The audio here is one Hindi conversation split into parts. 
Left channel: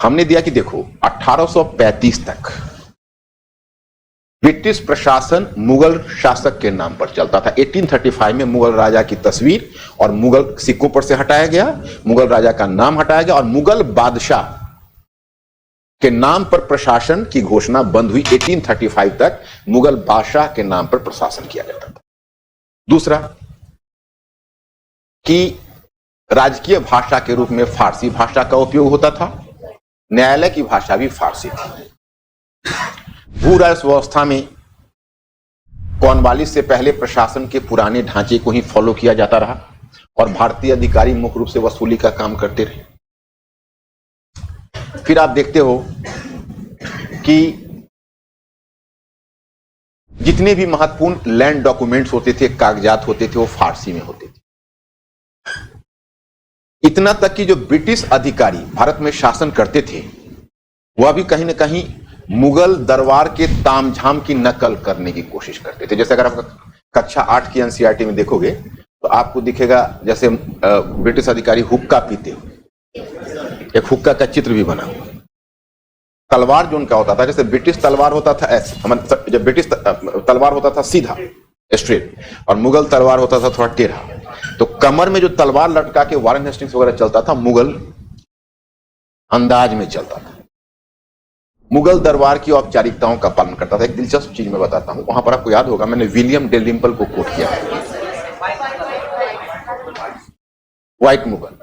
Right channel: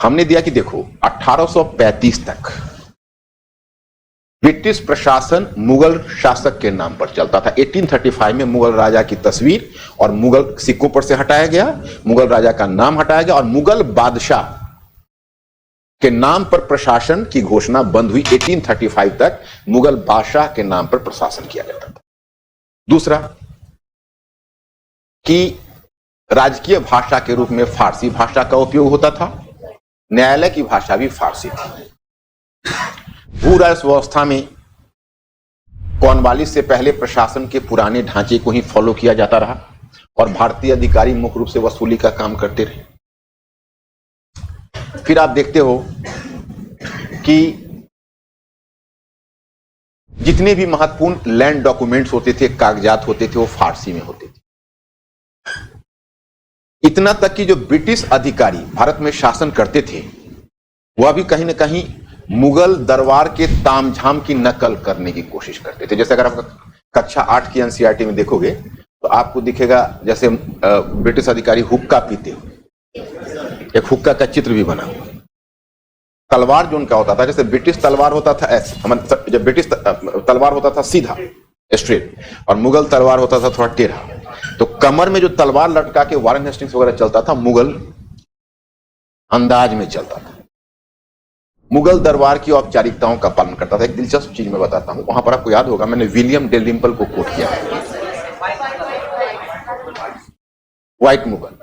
हमने दिया कि देखो 1835 तक ब्रिटिश प्रशासन मुगल शासक के नाम पर चलता था। 1835 में मुगल राजा की तस्वीर और मुगल सिख ऊपर से हटाया गया, मुगल राजा का नाम हटाया गया और मुगल बादशाह के नाम पर प्रशासन की घोषणा बंद हुई। 1835 तक मुगल बादशाह के नाम पर प्रशासन किया जाता था। दूसरा कि राजकीय भाषा के रूप में फारसी भाषा का उपयोग होता था, न्यायालय की भाषा भी फारसी थी। भू राजस्व व्यवस्था में कॉर्नवालिस से पहले प्रशासन के पुराने ढांचे को ही फॉलो किया जाता रहा और भारतीय अधिकारी मोहरों से वसूली का काम करते रहे। फिर आप देखते हो कि जितने भी महत्वपूर्ण लैंड डॉक्यूमेंट्स होते थे, कागजात होते थे, वो फारसी में होते थे। इतना तक कि जो ब्रिटिश अधिकारी भारत में शासन करते थे वह भी कहीं ना कहीं मुगल दरबार के तामझाम की नकल करने की कोशिश करते थे। जैसे अगर आप कक्षा 8 की एनसीईआरटी में देखोगे तो आपको दिखेगा जैसे ब्रिटिश अधिकारी हुक्का पीते, एक हुक्का का चित्र भी बना हुआ। तलवार जो उनका होता था, जैसे ब्रिटिश तलवार होता था जब ब्रिटिश तलवार होता था सीधा स्ट्रेट और मुगल तलवार होता था थोड़ा टेढ़ा। तो कमर में जो तलवार लटका के वारन हेस्टिंग्स वगैरह चलता था, मुगल अंदाज में चलता था, मुगल दरबार की औपचारिकताओं का पालन करता था। एक दिलचस्प चीज मैं बताता हूं, मैंने विलियम डेलिम्पल को कोट किया, व्हाइट मुगल।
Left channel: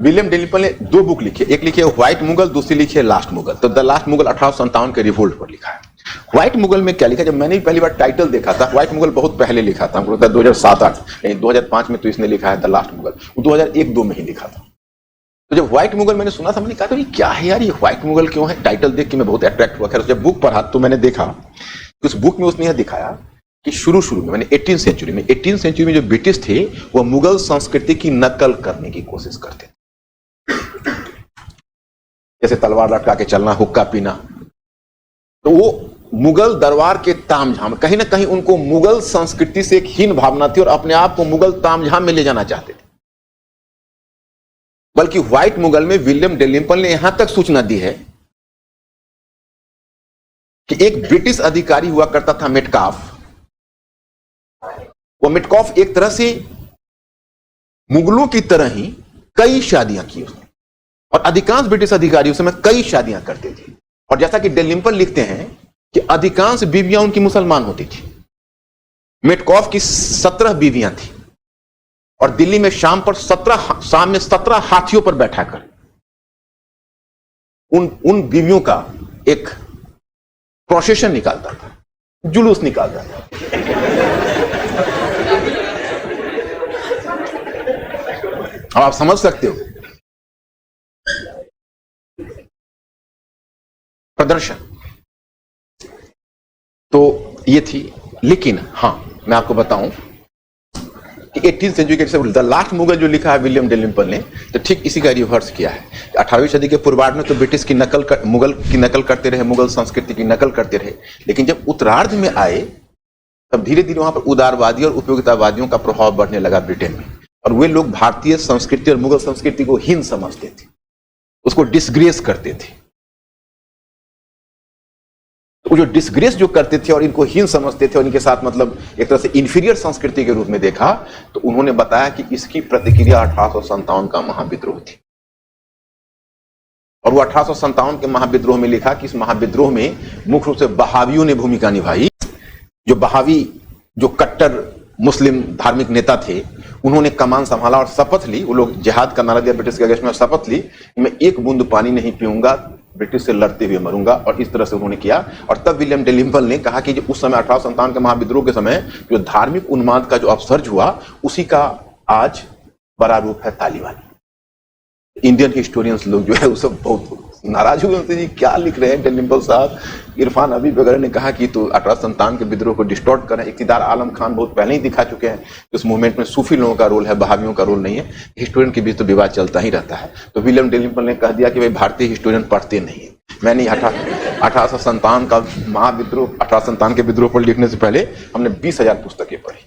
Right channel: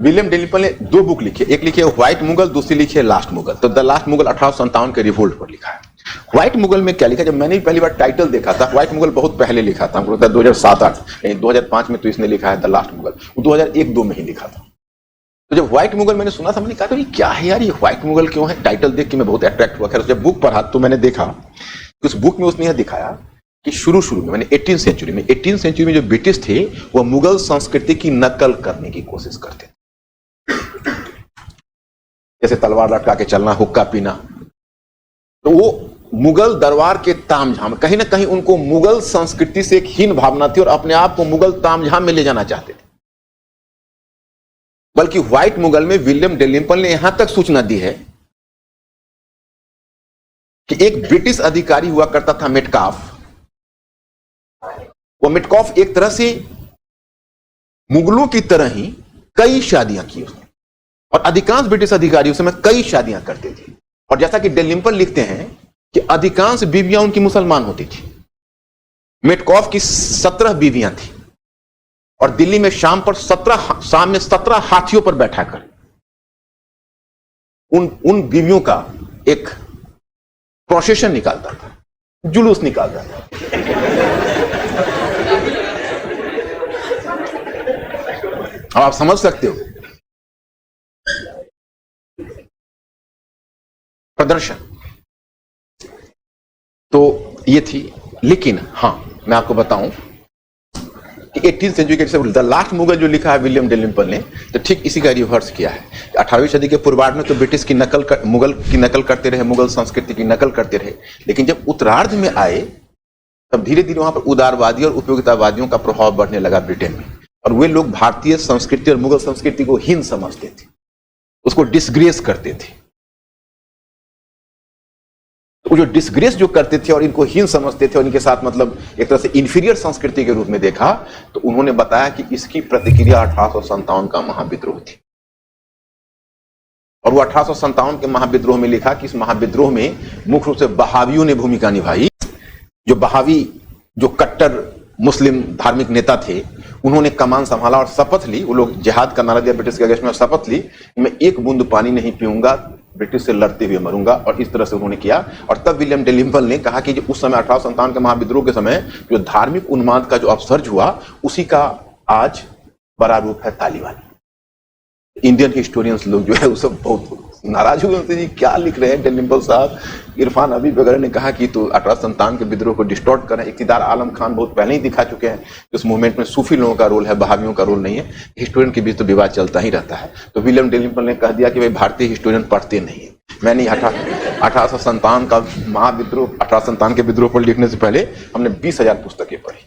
विलियम डेलिम्पल ने 2 बुक लिखी, एक लिखी है व्हाइट मुगल, दूसरी लिखी है लास्ट मुगल। तो द लास्ट मुगल 1857 के रिवोल्ट पर लिखा है। व्हाइट मुगल में क्या लिखा, जब मैंने पहली बार टाइटल देखा था, व्हाइट मुगल बहुत पहले लिखा था, 2007 2005 में तो इसने लिखा है द लास्ट मुगल, 2001-2 में ही लिखा था। तो जब व्हाइट मुगल मैंने सुना था, मैंने कहा ये क्या है यार, ये व्हाइट मुगल क्यों है? टाइटल देख के मैं बहुत अट्रैक्ट हुआ। खैर जब बुक पढ़ा तो मैंने देखा कि उस बुक में उसने यह दिखाया कि शुरू में मैंने 18वीं सेंचुरी में जो ब्रिटिश थे वो मुगल संस्कृति की नकल करने की कोशिश करते, जैसे तलवार लटका के चलना, हुक्का पीना। तो वो मुगल दरबार के तामझाम, कहीं ना कहीं उनको मुगल संस्कृति से एक हीन भावना थी और अपने आप को मुगल तामझाम में ले जाना चाहते थे। बल्कि व्हाइट मुगल में विलियम डेलिम्पल ने यहां तक सूचना दी है कि एक ब्रिटिश अधिकारी हुआ करता था मेटकाफ। वो मेटकाफ एक तरह से मुगलों की तरह ही कई शादियां की और अधिकांश ब्रिटिश अधिकारी उस समय कई शादियां करते थे। और जैसा कि डेलिम्पल लिखते हैं कि अधिकांश बीवियां उनकी मुसलमान होती थी। मेटकाफ की 17 बीवियां थी और दिल्ली में शाम में 17 हाथियों पर बैठाकर उन बीवियों का प्रोसेशन निकालता था, जुलूस निकालता था। आप समझ सकते हो प्रदर्शन। तो ये थी। लेकिन हां, मैं आपको बताऊं कि 18वीं सेंचुरी के द लास्ट मुगल जो लिखा विलियम डेलिम्पल ने, तो ठीक इसी का रिवर्स किया है। 18वीं सदी के पूर्वार्ध में तो ब्रिटिश की मुगल की नकल करते रहे, मुगल संस्कृति की नकल करते रहे। लेकिन जब उत्तरार्ध में आए तब धीरे धीरे वहां पर उदारवादी और उपयोगितावादियों का प्रभाव बढ़ने लगा ब्रिटेन में, और वे लोग भारतीय संस्कृति और मुगल संस्कृति को हीन समझते थे, उसको डिसग्रेस करते थे। वो जो डिसग्रेस जो करते थे और इनको हीन समझते थे और इनके साथ मतलब एक तरह से इंफीरियर संस्कृति के रूप में देखा, तो उन्होंने बताया कि इसकी प्रतिक्रिया 1857 का महाविद्रोह थी। और वो 1857 के महाविद्रोह में लिखा कि इस महाविद्रोह में मुख्य रूप से बहावियों ने भूमिका निभाई। जो बहावी, जो कट्टर मुस्लिम धार्मिक नेता थे, उन्होंने कमान संभाला और शपथ ली। वो लोग जिहाद का नारा दिया ब्रिटिश के अगेंस्ट में, शपथ ली मैं एक बूंद पानी नहीं पीऊंगा, ब्रिटिश से लड़ते हुए मरूंगा। और इस तरह से उन्होंने किया। और तब विलियम डेलिम्पल ने कहा कि जो उस समय 1857 के महाविद्रोह के समय जो धार्मिक उन्माद का जो अपसर्ज हुआ, उसी का आज बड़ा रूप है तालिबानी। इंडियन हिस्टोरियंस लोग जो है वो सब बहुत नाराज हुए थे, क्या लिख रहे हैं डेलिम्पल साहब। इरफान हबीब वगैरह ने कहा कि तो 1857 के विद्रोह को डिस्टॉर्ट करें। इक़्तिदार आलम खान बहुत पहले ही दिखा चुके हैं इस मूवमेंट में सूफी लोगों का रोल है, बहावियों का रोल नहीं है। हिस्टोरियन के बीच तो विवाद चलता ही रहता है। तो विलियम डेलिम्पल ने कह दिया कि भाई भारतीय हिस्टोरियन पढ़ते नहीं है। मैंने 1857 का महाविद्रोह, 1857 के विद्रोह पर लिखने से पहले हमने 20,000 पुस्तकें पढ़ी।